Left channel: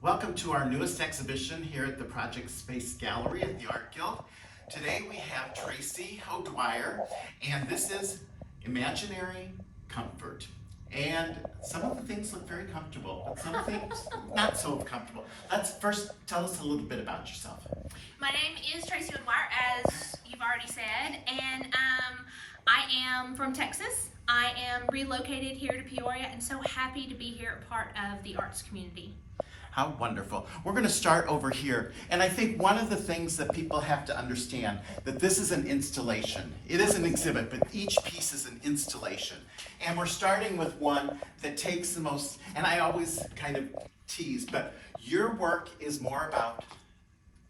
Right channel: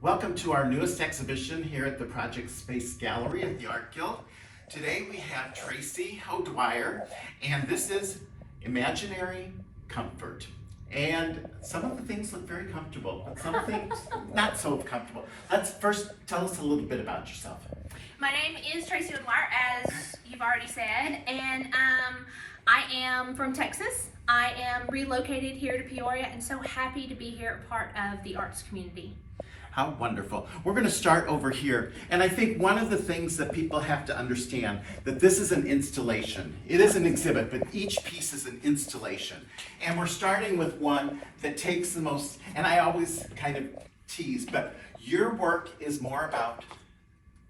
Welcome to our newest exhibition here at the Project Space Gallery at the Art Guild. Today we have Traci O'Dwyer, and this is Imaginary Comfort. And some of the things look very comfortable, but some things not so comfortable. Let's first tell us a little bit about yourself. My name is Traci O'Dwyer, as you've already said, and I am from Texas. I am relocated here to Peoria and so happy to be here, a part of the arts community. How wonderful. We're going to start over here. And I think one of the things that people have to understand, that this is an installation. It is an exhibit, but each piece is an installation. And we're starting with one that takes the most, and I always kind of tease, but your work is more about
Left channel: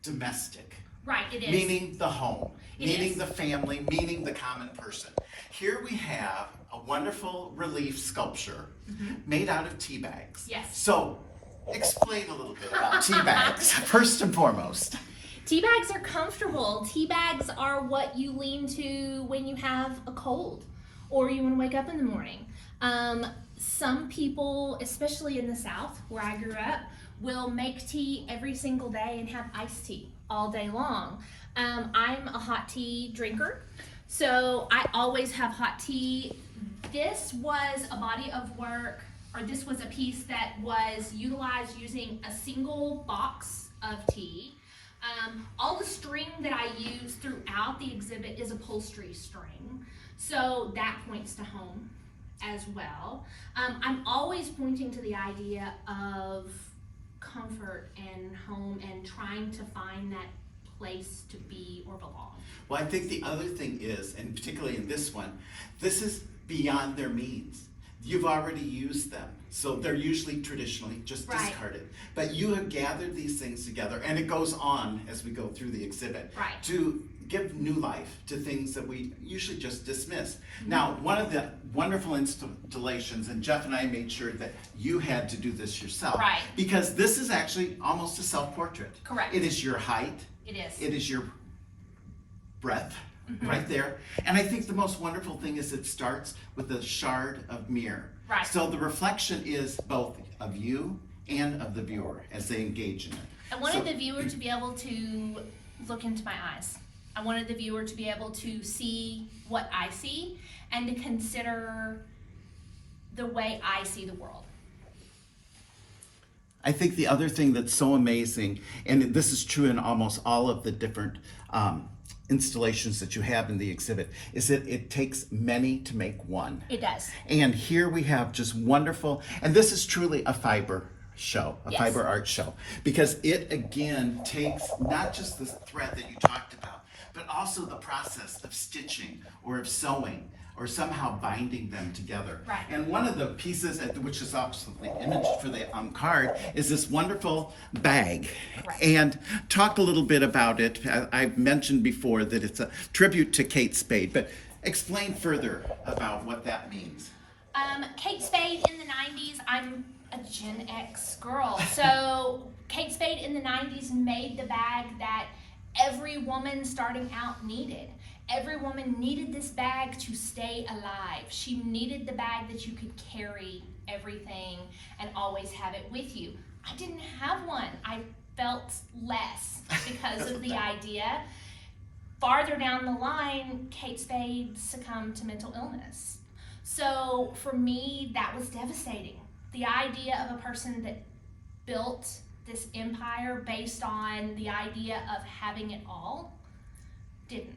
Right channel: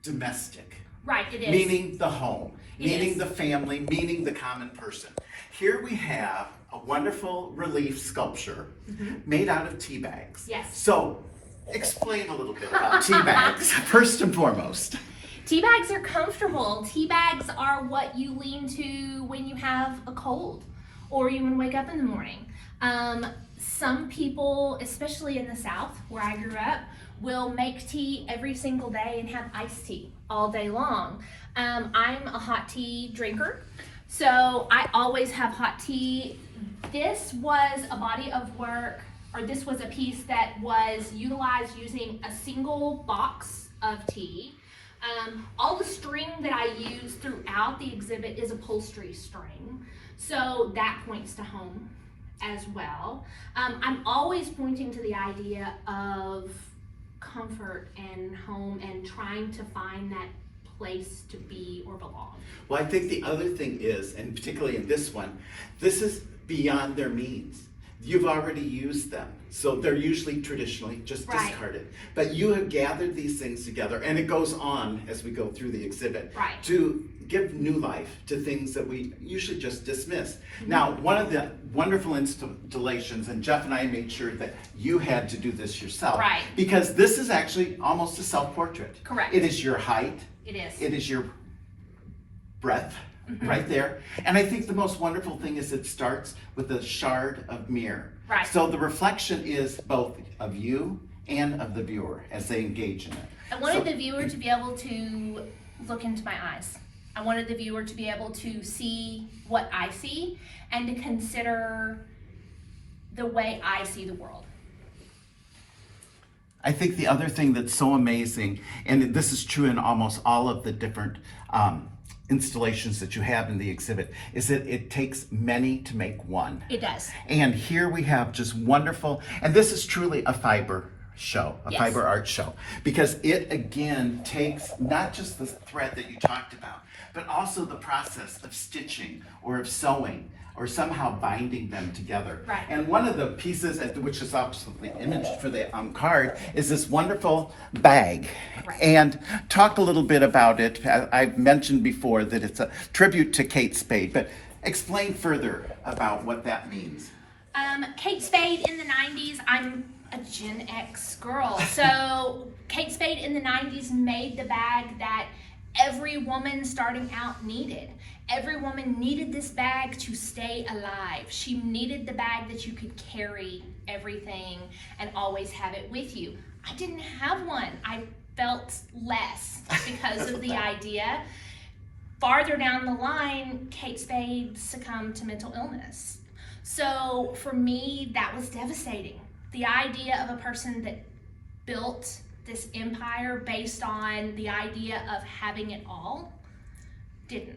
domestic. Right, it is. Meaning the home, meaning is. the family, meaning the common person. Here we have a wonderful relief sculpture made out of tea bags. Yes. So, explain a little bit about tea bags, first and foremost. Tea bags are comfortable. Tea bags are what you lean to when you have a cold or you want to wake up in the morning. Some people, especially in the South, where I grew up, will make tea every single day and have iced tea all day long. I'm a hot tea drinker, so I always have hot tea. This was a body of work, or this was a piece that was utilized using a single box of tea. All the string that I use throughout the exhibit is upholstery string, so that points to home as well. I'm always pointing to the idea of comfort and home and trying to find that place to be or belong. Well, I think the other thing is, and particularly in this one, this is beyond their means. You've already used them, so they're usually traditionally just discarded. But you have gathered these things together, and it goes on as we go through the exhibit to give new life to things that we usually just dismiss. Now, one of the wonderful installations, and Jeff and I made sure that you had to do this yourself, because this is actually almost a self-portrait. Correct. It is your height. It is. It is your breadth. Right there. And I think the most wonderful thing is it starts with a shard of mirror. Right. So the reflection is both of you and of the viewer as they engage in it. I wanted the viewer to be able to look into my eyes. I wanted the viewer to be able to see what I see and to consider the way I see the world. I think the other thing that's so amazing, and this is true in almost all of the different installations that you have in the exhibit, is that it takes many to make one. It does. And here we have just wonderful, and this is truly a fiber show, a fiber art show, because it again takes not just the thread that you talked about, but also the process of stitching or of sewing or somehow binding them together. Right. And one of the pieces, which is obviously imaged for the card, is this wonderful bag. Right. And talk a little bit about it. I've mentioned before that it's a tribute to Kate Spade, but explain further about what that means. Kate Spade in the 90s, I'm a Gen X girl, so Kate Spade in the 90s made the bag that every woman starting out needed. Every woman needed this bag to stay alive. She needed the bag that you could carry everything and always have it with you. I didn't have one. I felt less because of the idea. Farther down the line, Kate Spade succumbed to mental illness. So for me, that was devastating. The idea of a person that built this empire based on the idea of having it all didn't.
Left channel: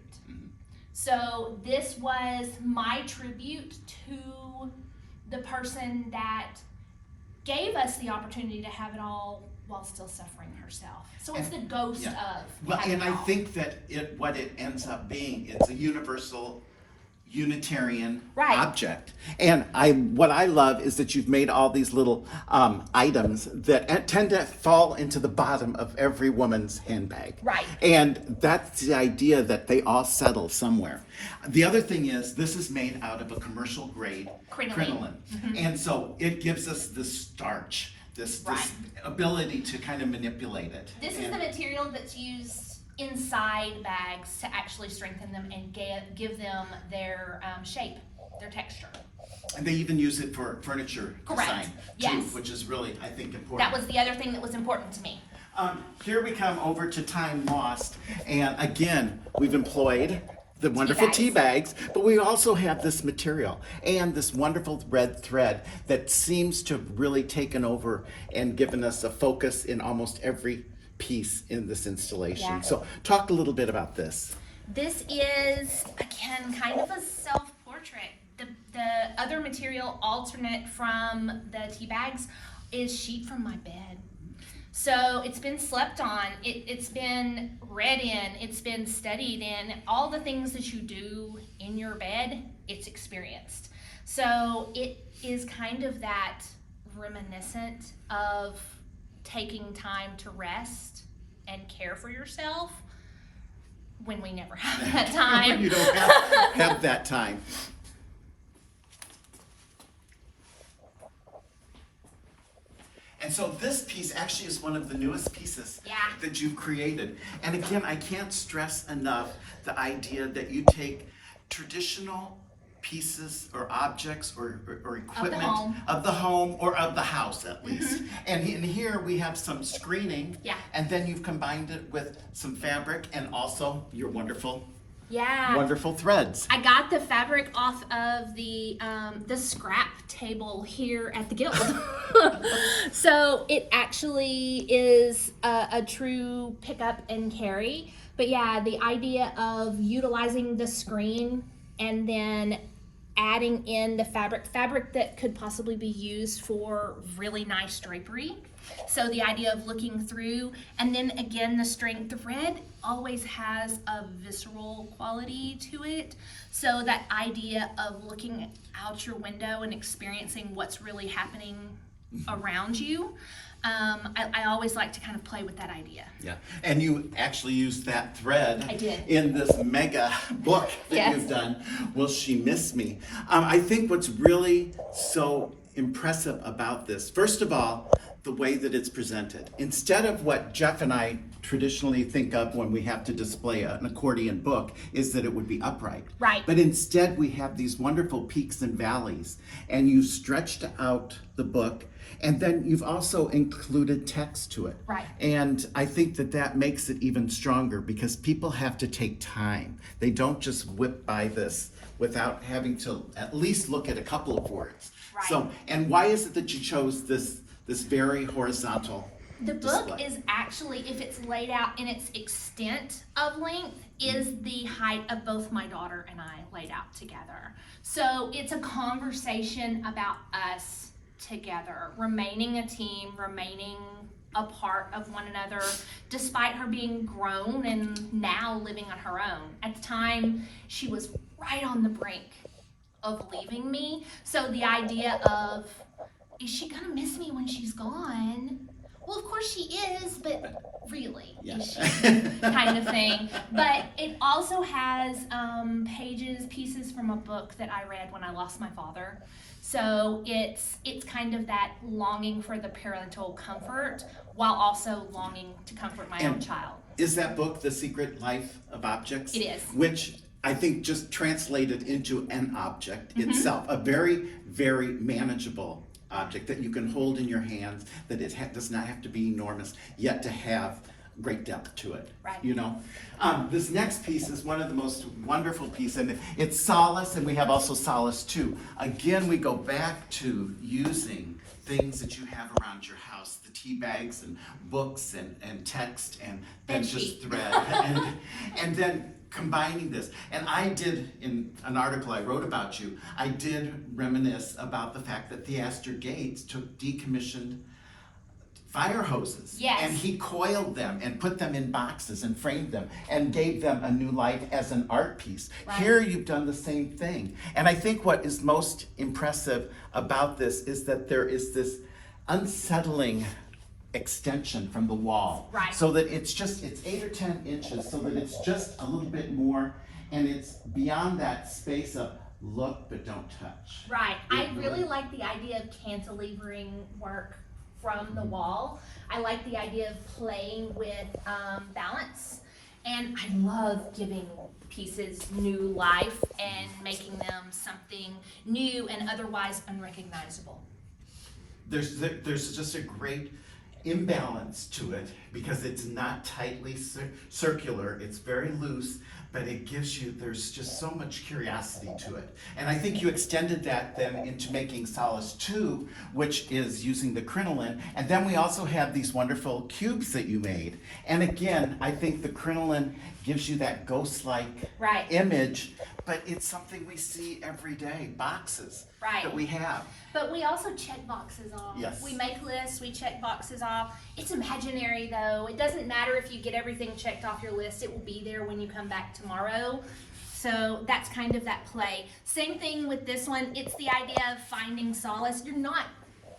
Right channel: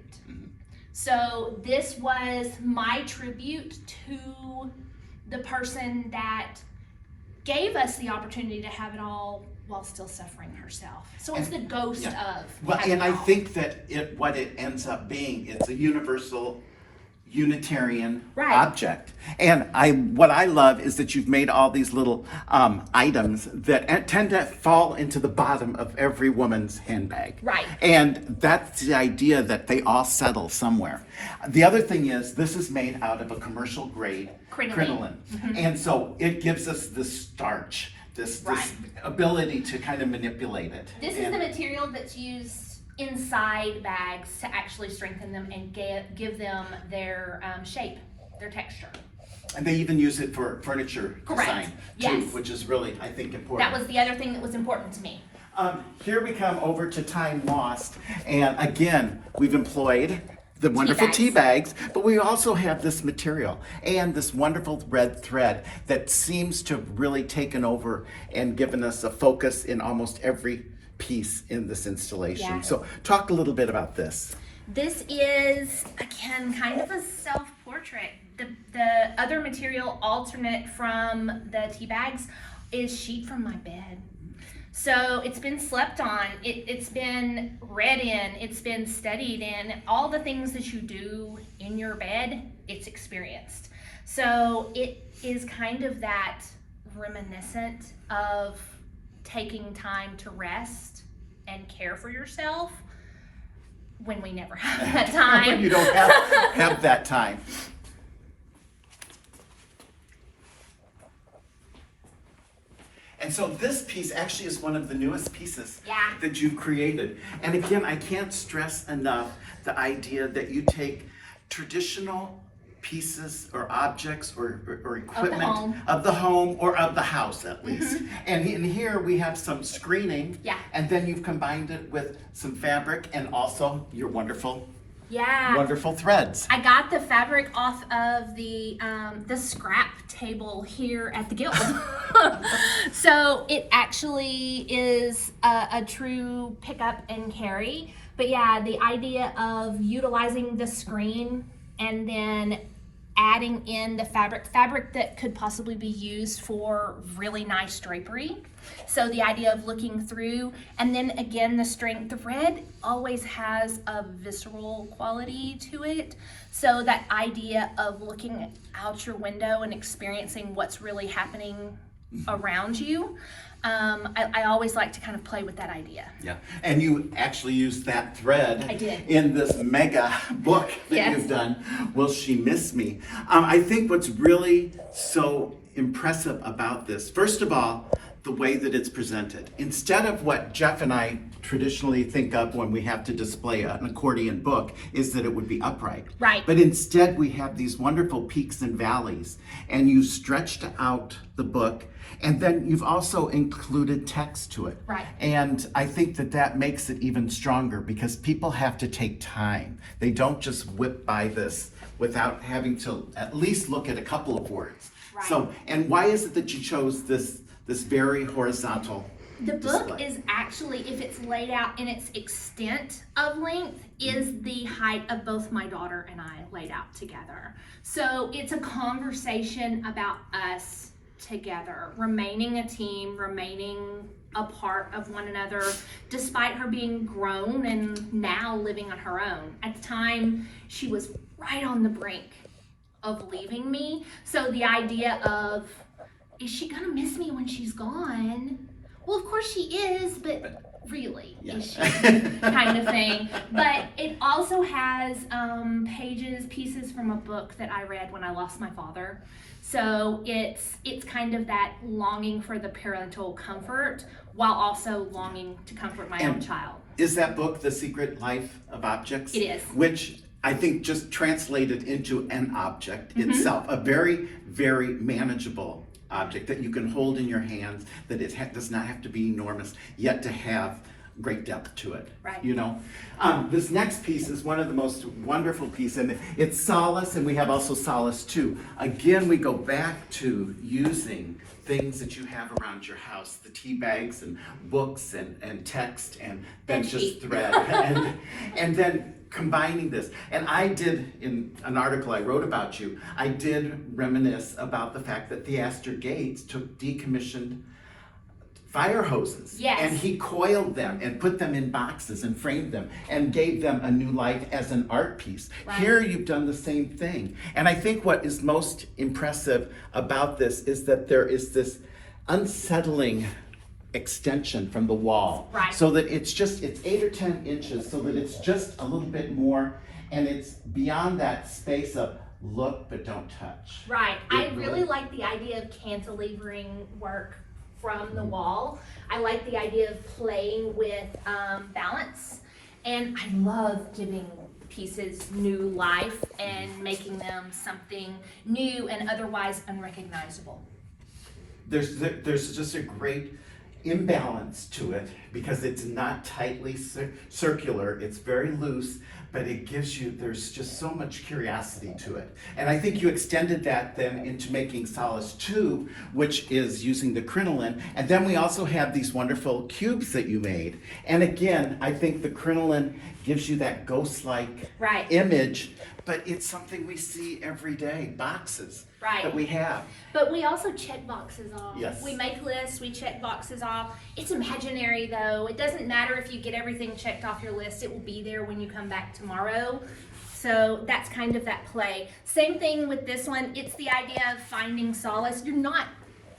So this was my tribute to the person that gave us the opportunity to have it all while still suffering herself. So it's the ghost of. Well, and I think that what it ends up being, it's a universal Unitarian object. And what I love is that you've made all these little items that tend to fall into the bottom of every woman's handbag. Right. And that's the idea that they all settle somewhere. The other thing is this is made out of a commercial grade crinoline. And so it gives us the starch, this ability to kind of manipulate it. This is the material that's used inside bags to actually strengthen them and give them their shape, their texture. And they even use it for furniture Correct. design too, Yes. which is really, I think, important. That was the other thing that was important to me. Here we come over to Time Lost, and again, we've employed the wonderful tea bags, but we also have this material and this wonderful red thread that seems to have really taken over and given us a focus in almost every piece in this installation. Yeah. So talk a little bit about this. This is, again, kind of a self-portrait. The other material alternate from the tea bags is sheet from my bed. So it's been slept on, it's been read in, it's been studied in. All the things that you do in your bed, it's experienced. So it is kind of that reminiscent of taking time to rest and care for yourself when we never have that time. When you don't have that time. And so this piece actually is one of the newest pieces that you've created. And again, I can't stress enough the idea that you take traditional pieces or objects or equipment of the home or of the house at least. And in here we have some screening, and then you've combined it with some fabric and also your wonderful threads. I got the fabric off of the scrap table here at the guild. So it actually is a true pick up and carry. But yeah, the idea of utilizing the screen and then adding in the fabric that could possibly be used for really nice drapery. So the idea of looking through, and then again, the strength. The red always has a visceral quality to it. So that idea of looking out your window and experiencing what's really happening around you. I always like to kind of play with that idea. Yeah, and you actually used that thread I did. in this mega book that you've done, Will She Miss Me? I think what's really so impressive about this, first of all, the way that it's presented. Instead of what Jeff and I traditionally think of when we have to display an accordion book, is that it would be upright. Right. But instead we have these wonderful peaks and valleys, and you stretched out the book. And then you've also included text to it. Right. And I think that makes it even stronger because people have to take time. They don't just whip by this without having to at least look at a couple of words. Right. So, and why is it that you chose this very horizontal The book display? is actually, if it's laid out in its extent of length, is the height of both my daughter and I laid out together. So it's a conversation about us together, remaining a team, remaining a part of one another, despite her being grown and now living on her own. At the time, she was right on the brink of leaving me. So the idea of, is she gonna miss me when she's gone? Well, of course she is, but really, is she? Kind of thing. But it also has pieces from a book that I read when I lost my father. So it's kind of that longing for the parental comfort while also longing to comfort my own child. Is that book The Secret Life of Objects? It is. Which I think just translated into an object itself, a very, very manageable object that you can hold in your hands, that it does not have to be enormous, yet to have great depth to it. Right. You know, this next piece is one of the most wonderful pieces, and it's Solace, and we have also Solace too. Again, we go back to using things that you have around your house, the tea bags and books and text and benches thread, and then combining this. And I did, in an article I wrote about you, I did reminisce about the fact that Theaster Gates took decommissioned fire hoses. Yes. And he coiled them and put them in boxes and framed them and gave them a new life as an art piece. Right. Here you've done the same thing. And I think what is most impressive about this is that there is this unsettling extension from the wall. Right. So that it's 8 or 10 inches, so that it's just a little bit more, and it's beyond that space of look but don't touch. Right. I really like the idea of cantilevering work from the wall. I like the idea of playing with balance And I love giving pieces new life and making them something new and otherwise unrecognizable. There's just a great imbalance to it because it's not tightly circular, it's very loose, but it gives you, there's just so much curiosity to it. And I think you extended that then into making Solace 2, which is using the crinoline. And then we also have these wonderful cubes that you made. And again, I think the crinoline gives you that ghost-like image, but it's something we see every day, boxes that we have. But we also check boxes off. Yes. We make lists, we check boxes off. It's imaginary though. It doesn't matter if you get everything checked off your list, it will be there when you come back tomorrow. So that's kind of that play. Same thing with this one, it's the idea of finding solace. You're not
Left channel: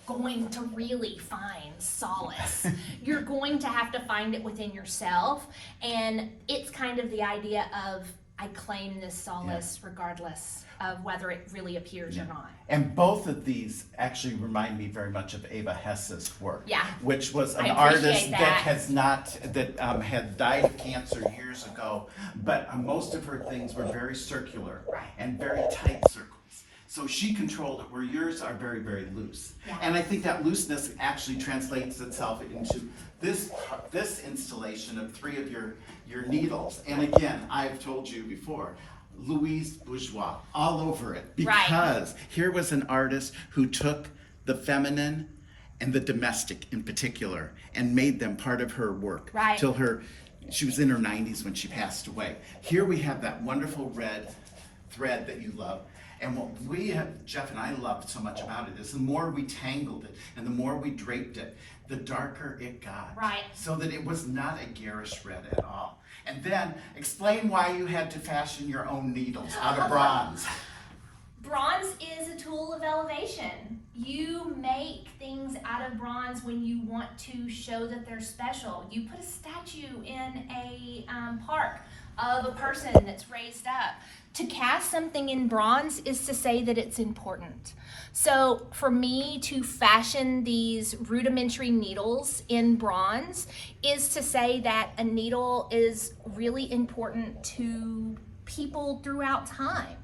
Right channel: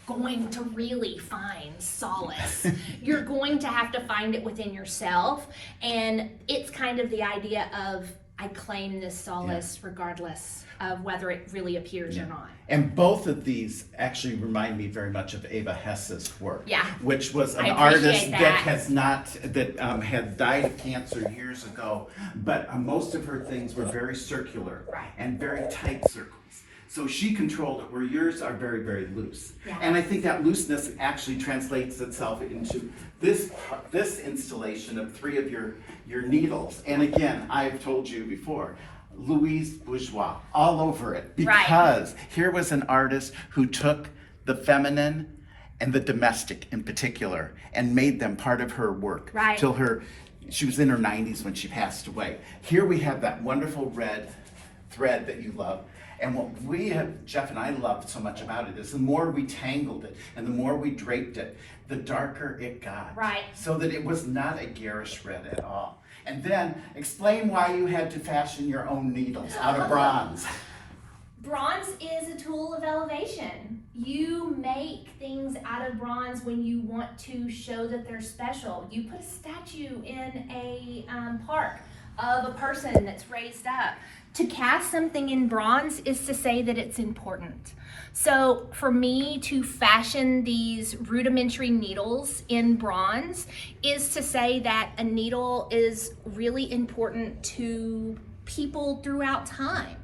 going to really find solace. You're going to have to find it within yourself. And it's kind of the idea of, I claim this solace regardless of whether it really appears or not. And both of these actually remind me very much of Ava Hess's work, which was an I artist appreciate that had died of cancer years ago, but most of her things were very circular and very tight circles. So she controlled it, where yours are very, very loose. And I think that looseness actually translates itself into this installation of 3 of your needles. And again, I've told you before, Louise Bourgeois all over it, because here was an artist who took the feminine and the domestic in particular and made them part of her work till she was in her 90s when she passed away. Here we have that wonderful red thread that you love. And what Jeff and I loved so much about it is the more we tangled it and the more we draped it, the darker it got. So that it was not a garish red at all. And then explain why you had to fashion your own needles out of bronze. Bronze is a tool of elevation. You make things out of bronze when you want to show that they're special. You put a statue in a park of a person that's raised up. To cast something in bronze is to say that it's important. So for me to fashion these rudimentary needles in bronze is to say that a needle is really important to people throughout time.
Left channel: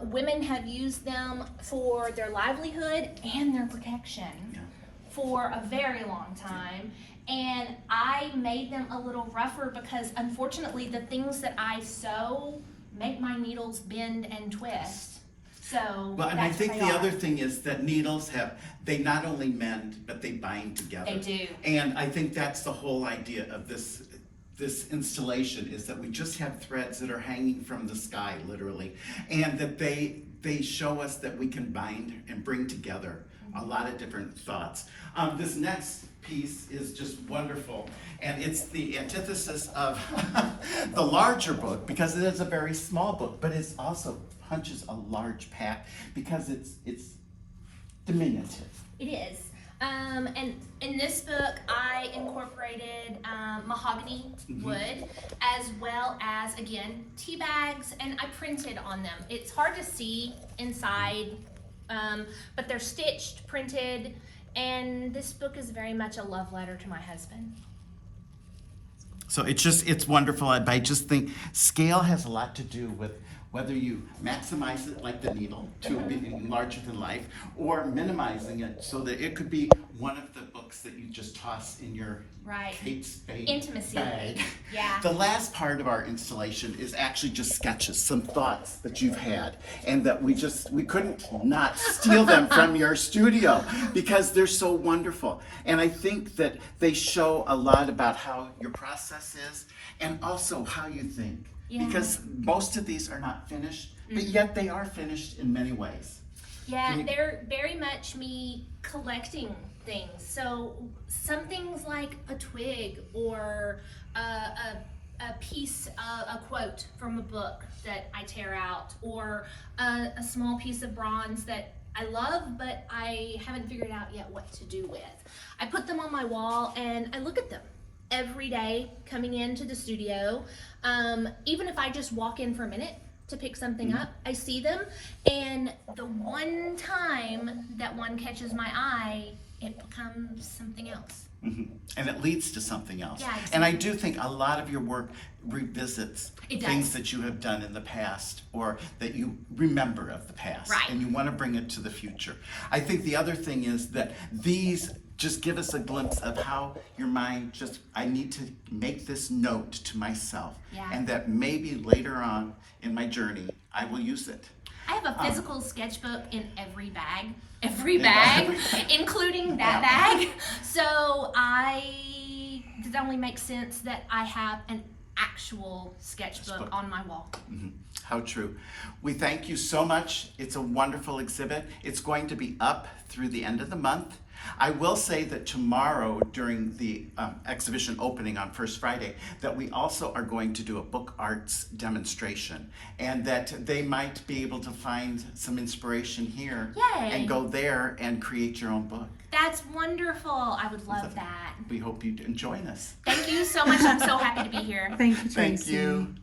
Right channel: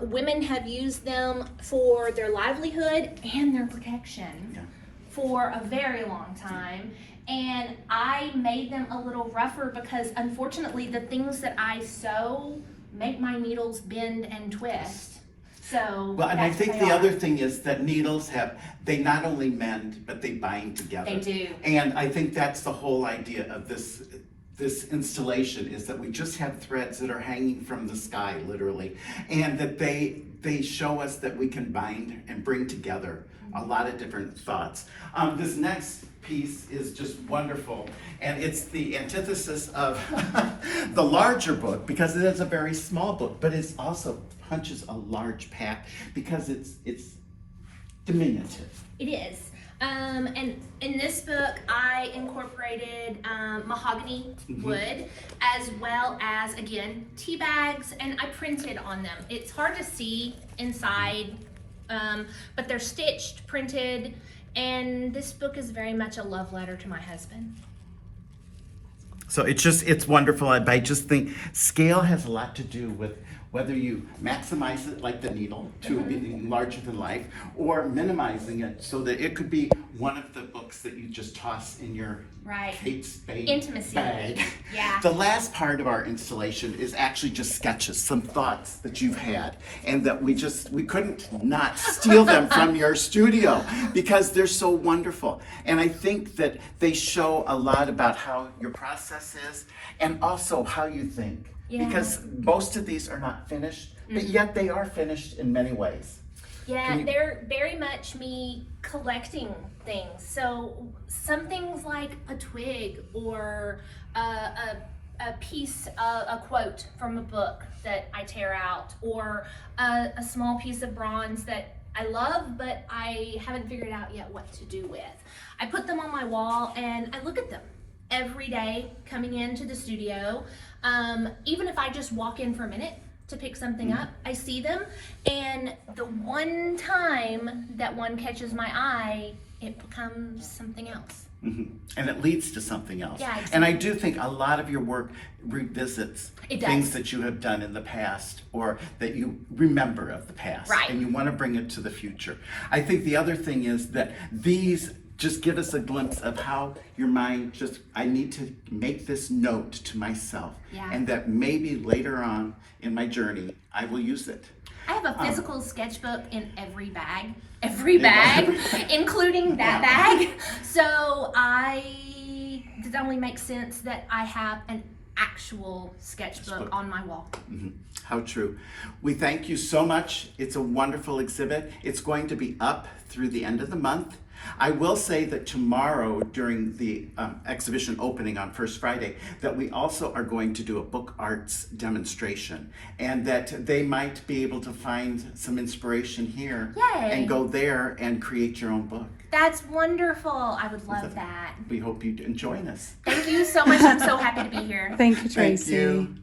Women have used them for their livelihood and their protection for a very long time. And I made them a little rougher because unfortunately the things that I sew make my needles bend and twist. So well, and I think the other thing is that needles they not only mend, but they bind together. They do. And I think that's the whole idea of this installation, is that we just have threads that are hanging from the sky, literally, and that they show us that we can bind and bring together a lot of different thoughts. This next piece is just wonderful, and it's the antithesis of the larger book, because it is a very small book, but it also punches a large pack because it's diminutive. It is. And in this book, I incorporated mahogany wood, as well as, again, tea bags, and I printed on them. It's hard to see inside, but they're stitched, printed, and this book is very much a love letter to my husband. So it's wonderful. I just think scale has a lot to do with whether you maximize it like the needle to being larger than life, or minimizing it so that it could be one of the books that you just toss in your Kate Spade intimacy bag. The last part of our installation is actually just sketches, some thoughts that you've had, and that we couldn't not steal them from your studio because they're so wonderful. And I think that they show a lot about how your process is and also how you think. Because most of these are not finished, but yet they are finished in many ways. They're very much me collecting things. So some things like a twig or a piece, a quote from a book that I tear out, or a small piece of bronze that I love, but I haven't figured out yet what to do with. I put them on my wall and I look at them every day coming into the studio. Even if I just walk in for a minute to pick something up, I see them, and the one time that one catches my eye it becomes something else. And it leads to something else. Yeah, exactly. And I do think a lot of your work revisits It does. things that you have done in the past or that you remember of the past. Right. And you want to bring it to the future. I think the other thing is that these just give us a glimpse of how your mind just, I need to make this note to myself. Yeah. And that maybe later on in my journey, I will use it. I have a physical sketchbook in every bag, including that bag. So it only makes sense that I have an actual sketchbook on my wall. How true. We thank you so much. It's a wonderful exhibit. It's going to be up through the end of the month. I will say that tomorrow during the exhibition opening on First Friday that we also are going to do a book arts demonstration and that they might be able to find some inspiration here. Yay. And go there and create your own book. That's wonderful. I would love that. We hope you enjoy this. Thank you so much. I'm so happy to be here. Thank you, Thank Traci. you.